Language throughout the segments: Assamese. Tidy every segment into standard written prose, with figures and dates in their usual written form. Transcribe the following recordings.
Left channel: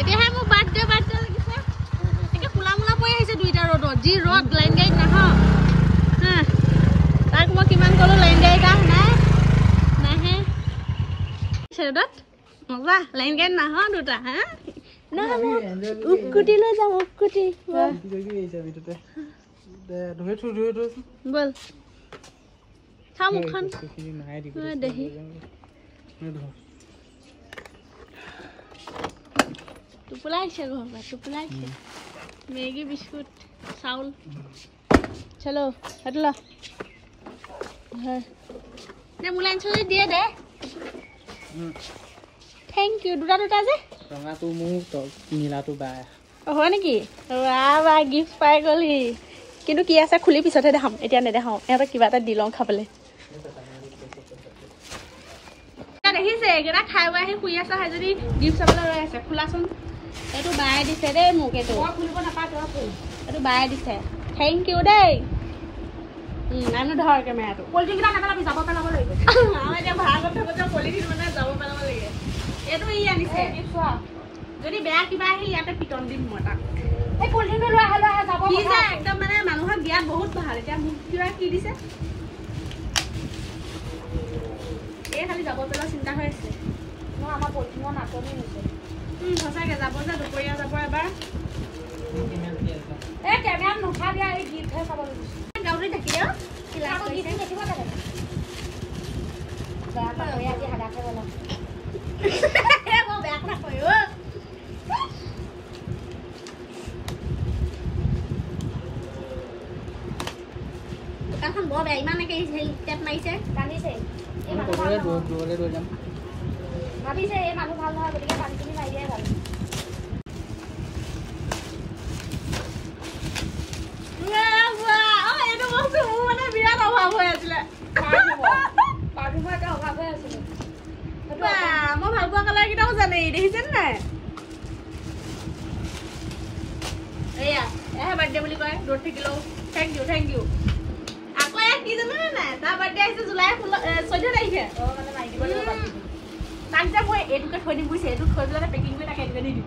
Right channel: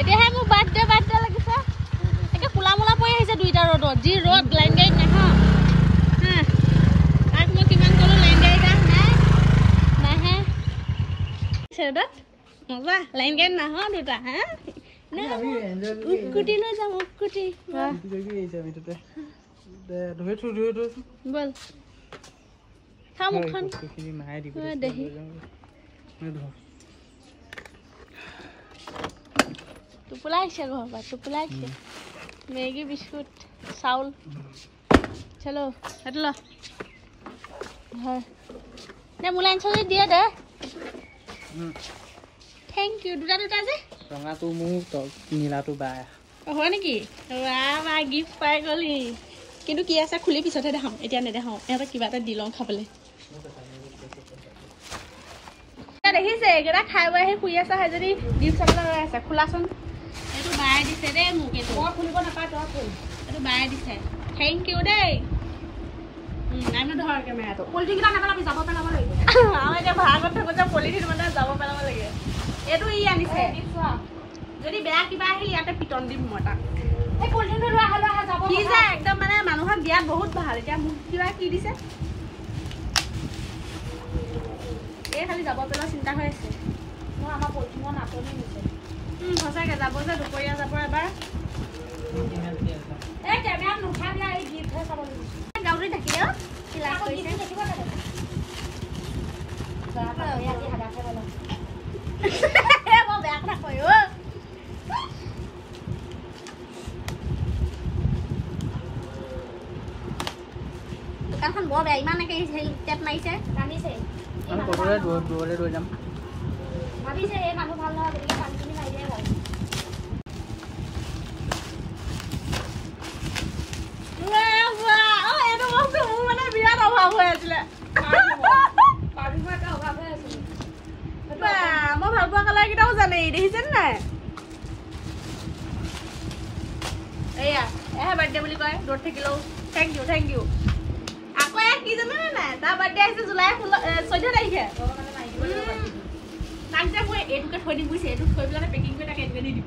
এতিয়াহে মোৰ বাৰ্থডে লাগিছে একে কোলা মোলা পৰি আহিছে দুইটা ৰ'দত যি ৰ'দ লাইন গাড়ীত নাহা হা তাক মই কিমান ক'লো লাইন গাড়ীত নাহে ৰ'দত মজা লাইন গাড়ীত নাহা দুটা হা উকুটি লৈ যাম উকুটি বল খা মুখখন দেহি টোপোলা আহিছে ঘৰৰ পৰা টোপোলা আহিছে মেগী বিস্কুট চাউল চলো সেইটো ল হয় নে মোলৈ আনিছ যদি দিয়ে দে থেংক ইউ দুটা যে ৰঙাটো মোক নীলাটো বা হয় নেকি বা গিফ্ট পাই গ'লি কিন্তু কি আছে খুলি পিছতহে দেখাম এতিয়া নেদেখাওঁ ইহঁতক কিবা এটা দি লওঁ খাবলৈ দেখিছে এইকেইটা খাই বৈ আহি শুই আছা যদি গিফ্ট চাবলৈ ৰৈ আছে খোলাচোন এইটো বাই দিছে দেই মোক এইটো খুলিব নাপায় তোমাৰ ফুল এইটো বাই দিছে থেংক ইউ দেই আমি ধৰ কেমেৰাটো পলিথিনকেইটা নেপেলাবি যাব পেলাব লাগিব আমাৰ এতিয়া ভাড়াত থাকোঁ যে পলিথিন মানে যাব পেলাব লাগে এইটো ই আনিছে যদি বেয়া কিবা আহি ইয়াতে পিটন দিম মই তাক এই পলিথিনটো লৈ আহা যাব কি যে একদম মানে মানুহক দিয়াত বহুত ভাল এতিয়া মোক কিবা কি দিছে এই খালি যাব পেলোৱা চিন্তা হৈ আছে মই আমাৰ পলিথিনৰ নাটনি হৈছে সঁচাকৈ যাব যে দুপৰীয়া যাব এবাৰ এই কেমেৰাত নুঠা দিয়া এই গীতহে চাব লাগিব গাঁৱতে থাকিলে মই বেয়া কথা কয় দোকানখন বৰ বেয়া ইমানকে টেপ মাৰিছে টানিছে দূৰলৈ লৈ যাম ভাবিছে এই মানুহ ভাল নহয় গতিকে পানীখিনি মাৰি দিয়াই ভাল এইটো বস্তু মোৰ মানে বিৰাট অভাৱ হৈ আছিলে মই ভাল পোৱা কালাৰ কেইটাও জানে দেখিছেনে নাই এয়া এহে বাৰ্থডে বুলি কয় দূৰত থাকিলেও থেংক ইউ আকৌ কি জানে নাই তাৰ বাৰ্থডে আহিছে জুলাই 14 তাৰিখে তাক যে মই এইটোকে থৈ দিম বুজিছে এইটো থৈ পেলাই পেকিং কৰি তাকে এইটোকে দি দিম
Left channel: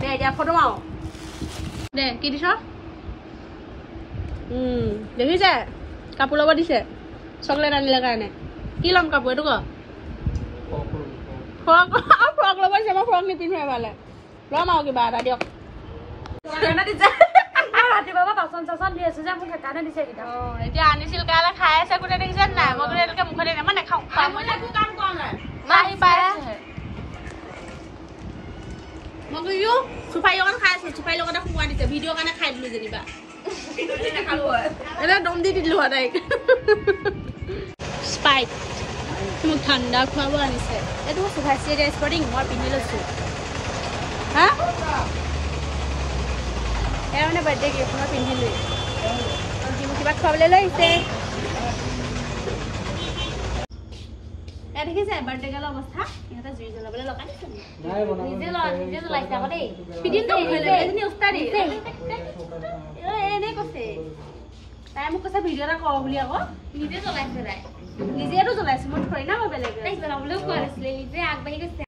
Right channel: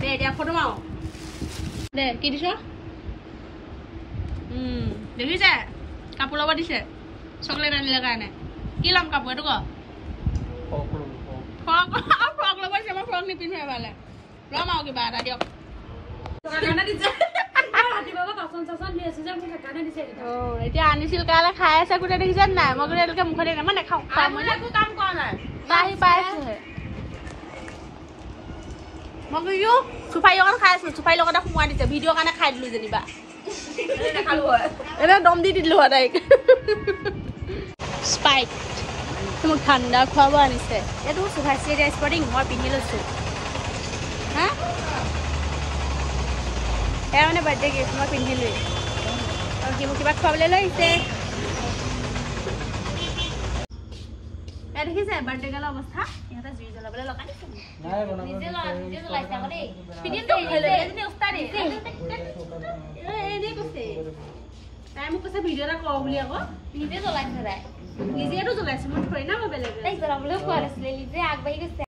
দে এতিয়া ফটো মাৰো দে কি দিছ দেখিছে কাপোৰ ল'ব দিছে চকলেট আনিলে কাৰণে কি ল'ম কাপোৰ এইটো ক ফ্ৰক ল'ব দিছে মই ফ্ৰক নিপিন্ধো এবাৰলে ল'ম আৰু কিবা এটা দিয়ক ৰাতিপুৱা বাচন চাচন দি আছো যে মোক সেইকাৰণে দিছে এতিয়া আনিছিল কাৰণে খাই আছে গোটেই দেখিছে নাই মই গোটেই এনেকে মুখে দিলে মই নাখাওঁ কাম কৰা নাই আহি পাই মই কৈছো চুপাৰী অকণ খাই আছো চুপাৰীৰ লগতে সোমোৱাই দিছে ভিডিঅ'ৰ কাৰণে খাই দিলো যেনিবা এনে দম দি দিলো তাইক স্পাইট মোক ঠাণ্ডা খোৱাব আনিছে এইটো সুভাষী স্পৰ্টিং মই পিন্ধি লৈছো হা এয়া মানে বাৰ্থডে গিফ্ট মই পিন্ধিলোৱেই মোক কিবা খুৱাবলৈ লৈ আহিছে দেখিছে বাৰ্থডে গালৰ অৱস্থা ইহঁতে জুই জ্বলাবলৈ লগাই দিছে এনেই কৈছে তাই মোক কৈছে ভিডিঅ' এটা কৰ বুলি আকৌ নিজে জ্বলাইছে তাই নিজেতো জ্বলাইছো মই থৈ না মই বেলেগ জ্বলাবলৈ কোৱা নাছিলে নিজে আগবাঢ়ি গৈছে